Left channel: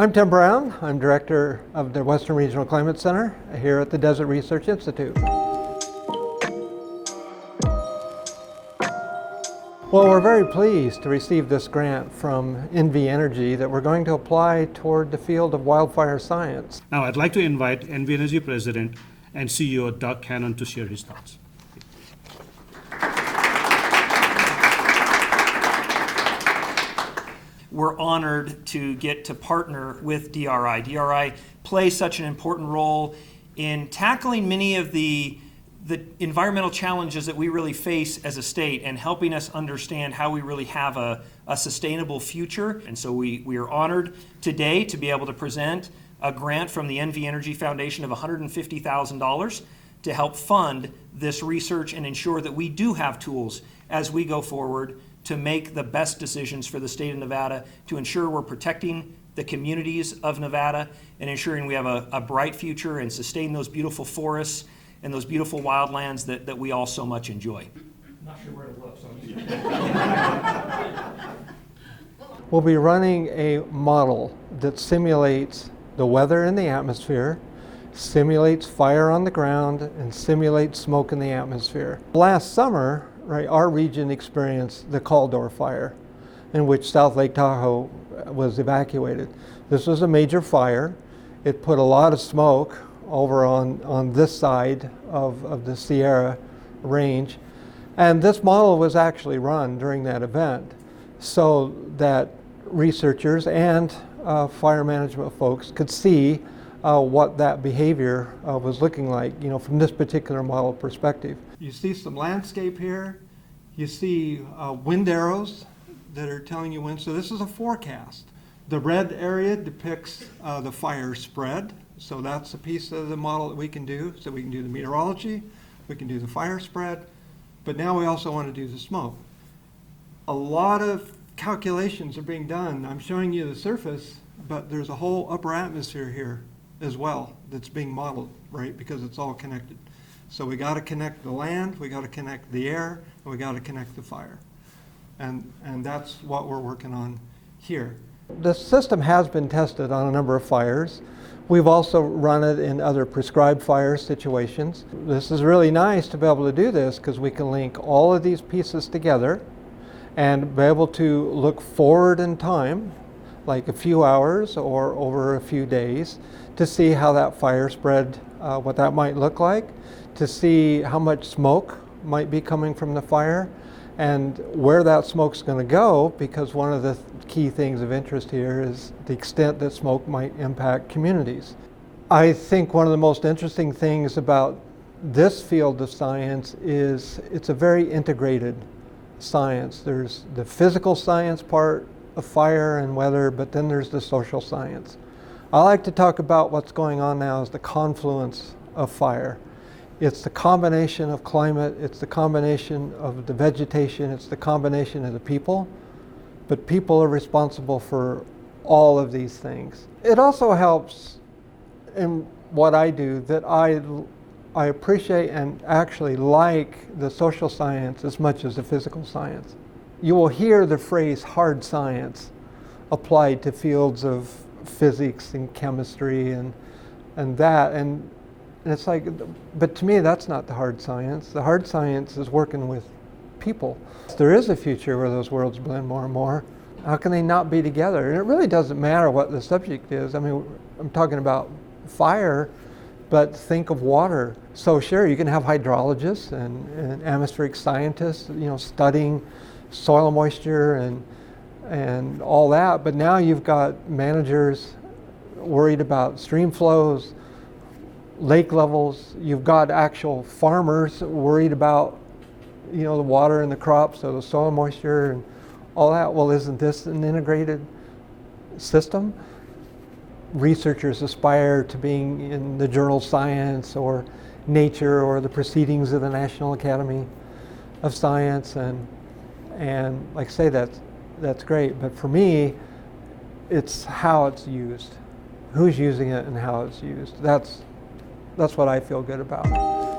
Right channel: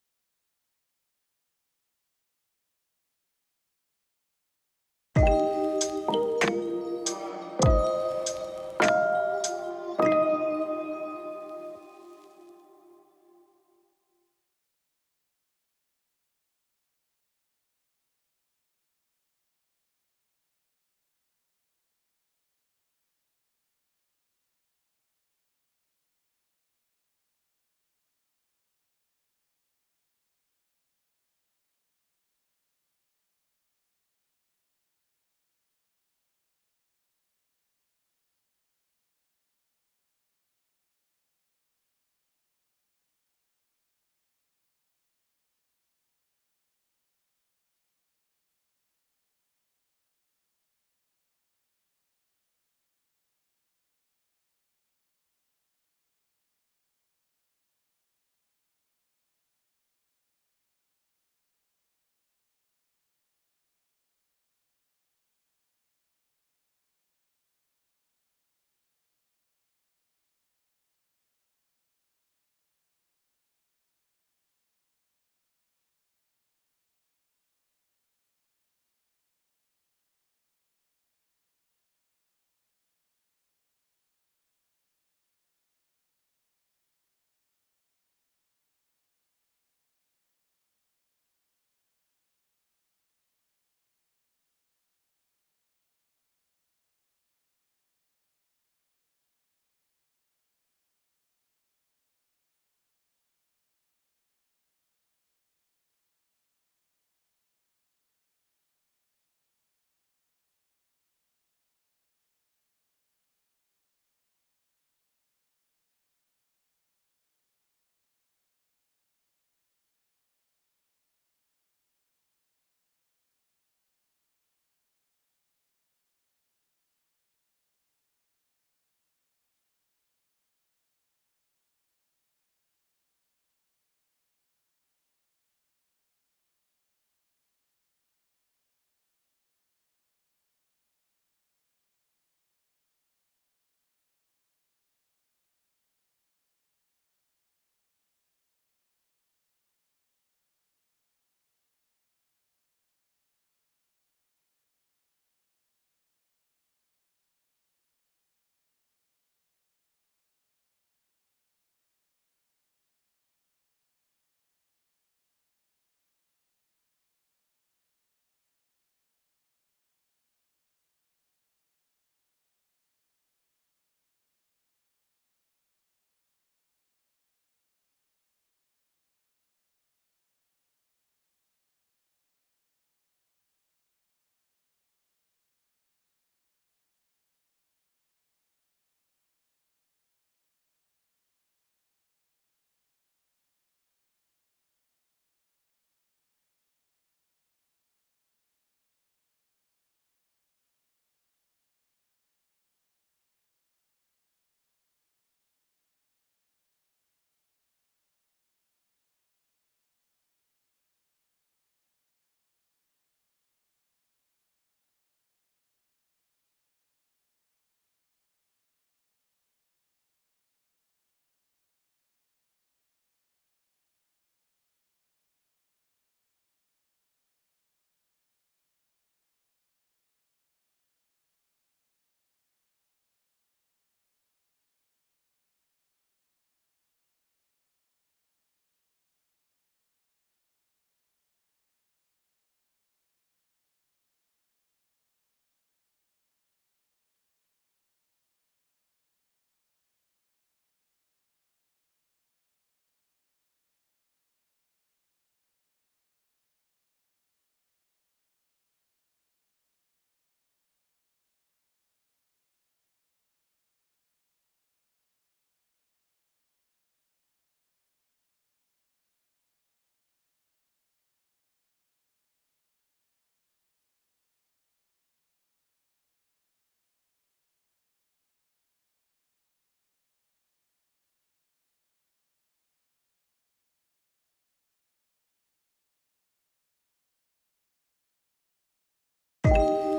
I'm Tim Brown. I'm director of the Western Regional Climate Center here at the Desert Research Institute. Well, we're very pleased to receive this grant from NV Energy that we're going to apply toward the field of wildfire science. Now, I'd like to invite NV Energy President and CEO Doug Cannon to share his thoughts. We're honored to get to partner with DRI. DRI plays such an important role in tackling many of the environmental challenges that we really face as a state and helping us understand how we really have a sustainable future. And so we are honored today to be able to present a grant from the NV Energy Foundation of $150,000 to help fund this research and ensure that we do have tools as we go forward to make the best decisions for the state of Nevada, to ensure we're protecting the communities of Nevada and ensuring we have a bright future and sustain those beautiful forests and those beautiful wildlands that we all so much enjoy. I'm not sure where to look, so We'll be running a model that simulates the weather in the atmosphere, simulates fire on the ground, and simulates smoke in the atmosphere. Last summer, our region experienced the Caldor Fire, in which South Lake Tahoe was evacuated. This was a major fire. It put a lot of smoke over on this side of the Sierra range. And this model was actually run during that event so that researchers and fire management folks could see what that behavior was looking like, from this particular model perspective. You see some landscape here. You see wind arrows that are telling you when. So this is a forecast. The red area depicts the fire spread. So that's a piece of the model that we can do. So we can do the meteorology, we can do the fire spread, but now we also want to do the smoke. A lot of calculations are being done. I'm showing you the surface, but there's a whole upper atmosphere here as well that's being modeled, because it's all connected. So we got to connect the land, we got to connect the air, and we got to connect the fire. And that's what we're working on here. The system has been tested on a number of fires. We've also run it in other prescribed fire situations. This is really nice to be able to do this because we can link all of these pieces together and be able to look forward in time, like a few hours or over a few days, to see how that fire spread, what that might look like, to see how much smoke might be coming from the fire and where that smoke's going to go, because one of the key things of interest here is the extent that smoke might impact communities. I think one of the most interesting things about this field of science is it's a very integrated science. There's the physical science part of fire and weather, but then there's the social science. I like to talk about what's going on now as the confluence of fire. It's the combination of climate, it's the combination of the vegetation, it's the combination of the people, but people are responsible for all of these things. It also helps in what I do that I appreciate and actually like the social science as much as the physical science. You will hear the phrase hard science applied to fields of physics and chemistry and it's like, but to me that's not the hard science. The hard science is working with people. There is a future where those worlds blend more and more. How can they not be together? And it really doesn't matter what the subject is. I mean, I'm talking about fire, but think of water. So sure, you can have hydrologists and atmospheric scientists, studying soil moisture and all that, but now you've got managers worried about stream flows, lake levels. You've got actual farmers worried about, the water in the crops, so the soil moisture and all that. Well, isn't this an integrated system? Researchers aspire to being in the journal Science or Nature or the Proceedings of the National Academy of Science, and like I say, that's great. But for me, it's how it's used, who's using it, and how it's used. That's what I feel good about.